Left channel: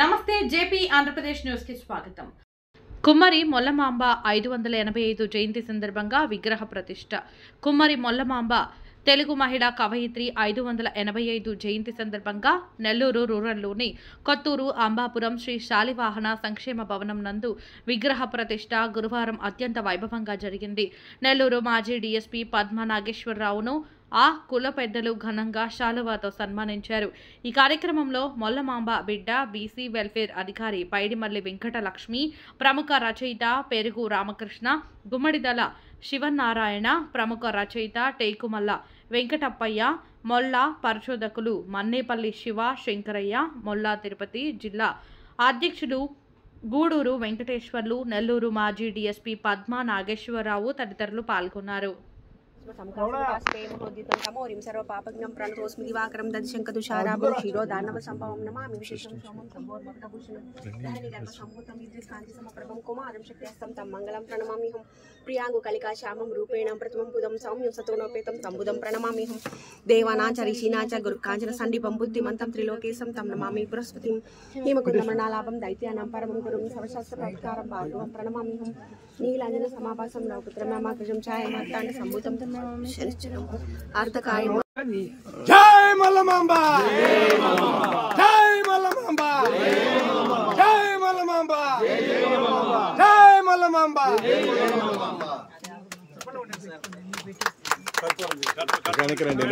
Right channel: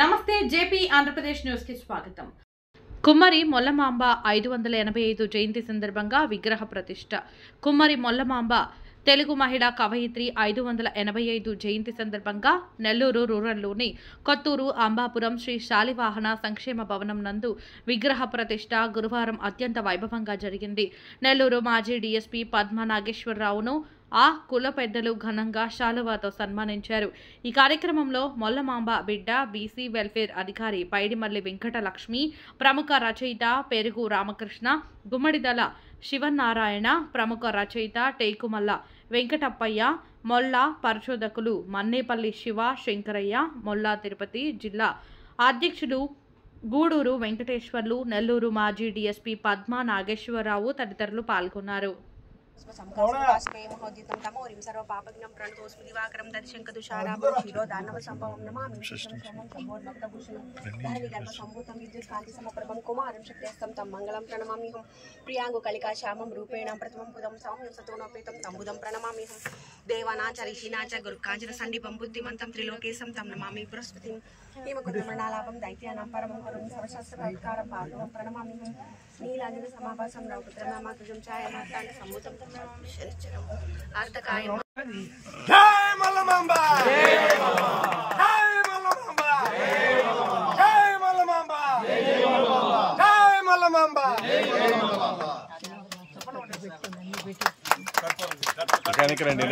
నమస్తే JP Andhra Pradesh news కి స్వాగతం. కుమ్మరి మొల్లమాంబ 585 జయంతి సందర్భంగా విగ్రహ ప్రతిష్ఠ. కుమ్మరి మొల్లమాంబ తెలుగు మహిళా కవయిత్రి 585 జయంతి సందర్భంగా నెల్లూరు రూరల్లోని కొత్తూరు అంబాపురం శ్రీ శాలివాహన సంక్షేమ భవనం నందు విగ్రహ ప్రతిష్ఠ గురువారం అత్యంత వైభవంగా జరిగింది. నెల్లూరు మాజీ డీఎస్పీ పద్మా నాగేశ్వరరావును ఆ కుల పెద్దలు ఘనంగా శాలువాతో సన్మానించారు. ఈ కార్యక్రమంలో మొల్లమాంబ బిడ్డ బీసీ వెల్ఫేర్ అధికారి పైడిమల్లి వెంకటలక్ష్మి, ప్రముఖ రచయిత పెరుగు రామకృష్ణ, గుమ్మడిదల శివనారాయణ, ప్రముఖ రచయిత టేకుమల్ల వెంకటప్పయ్య, మొల్ల పరిశోధకులు మన్నేపల్లి శివ శంకరయ్య, మొల్ల తిరుపతి జిల్లా అధ్యక్షులు గూడూరు వెంకటేశ్వర్లు, నెల్లూరు మాజీ డీఎస్పీ పద్మా నాగేశ్వరరావు తదితరులు పాల్గొన్నారు. ప్రియాంగు కలికా శ్యామం రూపేణం ప్రతిమం బుధం సౌమ్యం సతోనోపేతం తంబుదం ప్రణమామ్యహం దేవానాచ రిషీనాచ గురుకాంచన సందీపం బుద్ధిమంతం త్రిలోకేశం తం నమామి బృహస్పతిం హిమకుండమనాలాభం దైత్యానాం పరమం గురుం సవశాస్త్రకారం పార్వం ప్రణమామ్యహం నీలాంజన సమాభాసం రౌపుత్రమాకృజం ఛాయమార్తాండ సంభూతం తం నమామి శనిశ్చరం అర్ధకాయ. జై మల్లమాంబ, జై మల్లమాంబ, జై మల్లమాంబ, జై మల్లమాంబ. వెనకరండి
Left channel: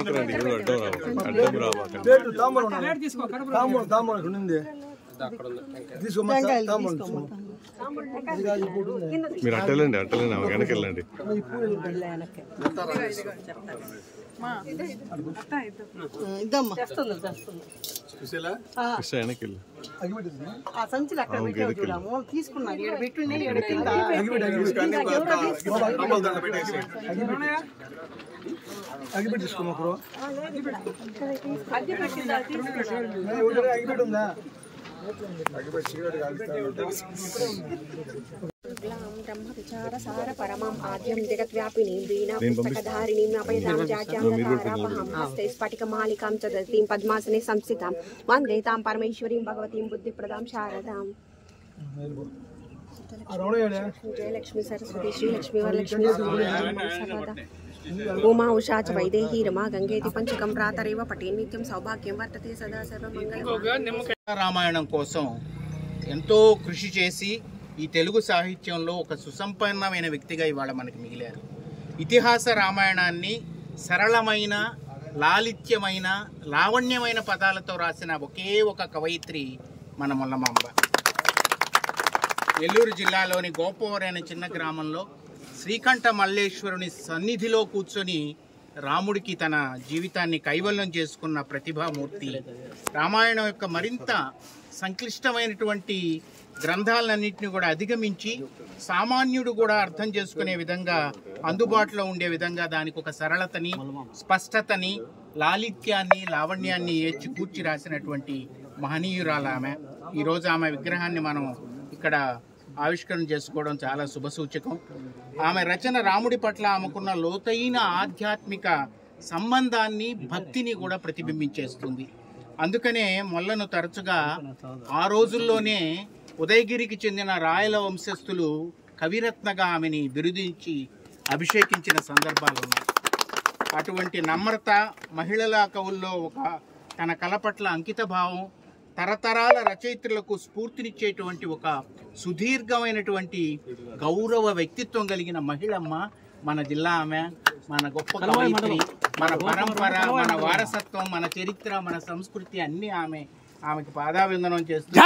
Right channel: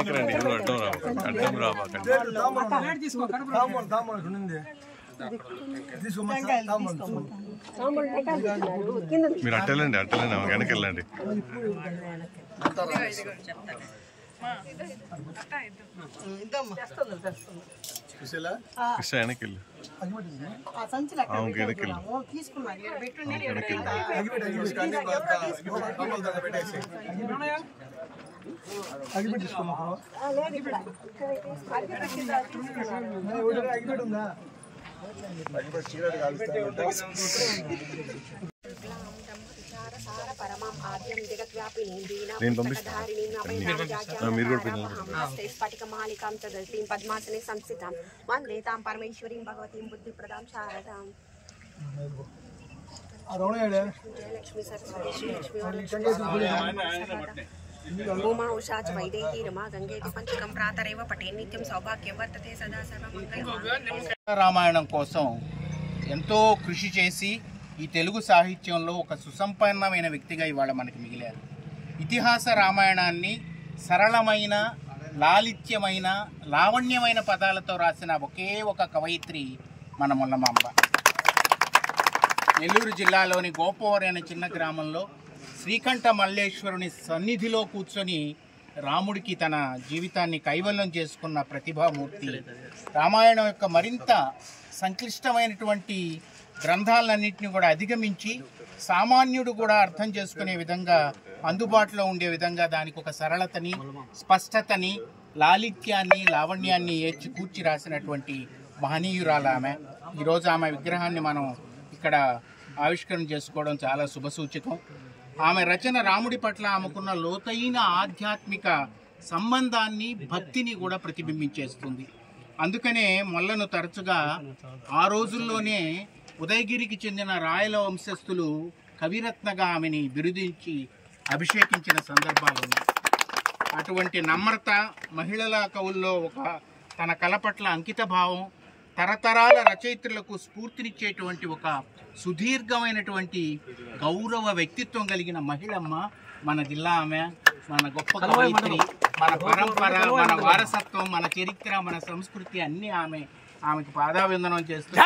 అడ్డం రావా మీరు అట్టెళ్ళండి వెనక్కి వెళ్ళండి. కృష్ణ వెనక్కి వెళ్ళు, పద్మాసనే సంస్థితాం వందే తాం పరమేశ్వరీం భగవతీం బుద్ధిప్రదాం శారదాం. జయలక్ష్మి సరస్వతి శ్రీలక్ష్మి వరలక్ష్మి ఉమా ఉషాచ వైదేహి రమా గంగేతి పంచకం ప్రాతరేవ పటే నిత్యం సౌభాగ్యం వర్తతే సదా సర్వమంగళం. రామాయణం కోసం ఎంతో కృషి చేసి ఈ తెలుగు సాహిత్యంలో ఒక సుసంపన్నమైన వ్యక్తిగా ఇవాళ మనకి మిగిలారు. ఇతిహాస రామాయణాన్ని సరళమైన, లాలిత్యమైన, లావణ్యమైన పదాలతో రాసిన ఒకే ఒక కవయిత్రి మన మొల్లమాంబ. నెల్లూరు జిల్లాలోని గోపవరం అనే చిన్న గ్రామంలో శ్రీకంఠ మల్లేశ్వరుని సన్నిధిలో కూర్చొని రాముడికి తన జీవితాన్ని కైవల్యం చేసుకున్న ప్రతిభామూర్తి. రామాయణం యొక్క మరింత సంక్లిష్టమైనటువంటి గ్రంథాలన్నింటినీ కూడా అధిగమించి సామాన్యుడు కూడా అర్థం చేసుకునే విధంగా, అందుబాటులో ఉండే విధంగా దానికి ఒక సరళతని, స్పష్టతని, లాలిత్యాన్ని, లావణ్యాన్ని ఏర్చి కూర్చి రాసినటువంటి మహనీయురాలు ఆమె. ఈరోజు ఆమె విగ్రహాన్ని మనం ఇక్కడ ఆవిష్కరణ చేసుకోవడం చాలా శుభసూచకం. ఆమె రచన రాముడి పట్ల ఆమెకున్న లోతైన ఆధ్యాత్మిక సంబంధాన్ని, భక్తిని కూడా ప్రతిబింబించేస్తుంది. అందుకనే మొల్లను తరచుగా ఆ రోజుల్లోనే ఉదయగిరికి చెందిన రాయల వంశస్థులు కవిరత్నగా ఆమెని బిరుదించి అభిషేకించిన సందర్భాలు ఉన్నాయి. అటువంటి నమ్రత, మహిళల కవుల్లో ఒక తన కళ పట్ల అంకిత భావం, తరతరాల రచయిత్రులకు స్ఫూర్తినిచ్చేటువంటి ఒక సుదీర్ఘమైనటువంటి గౌరవ వ్యక్తిత్వం కలిగిన మహిళమ్మ మన జిల్లా ఆమె. మన గొప్ప కవయిత్రి, మన పరంపర, మన వారసత్వం, మన చరిత్ర, మన సంస్కృతి అన్నీ ఆమెకు పాదాభివందనం చేస్తుంది.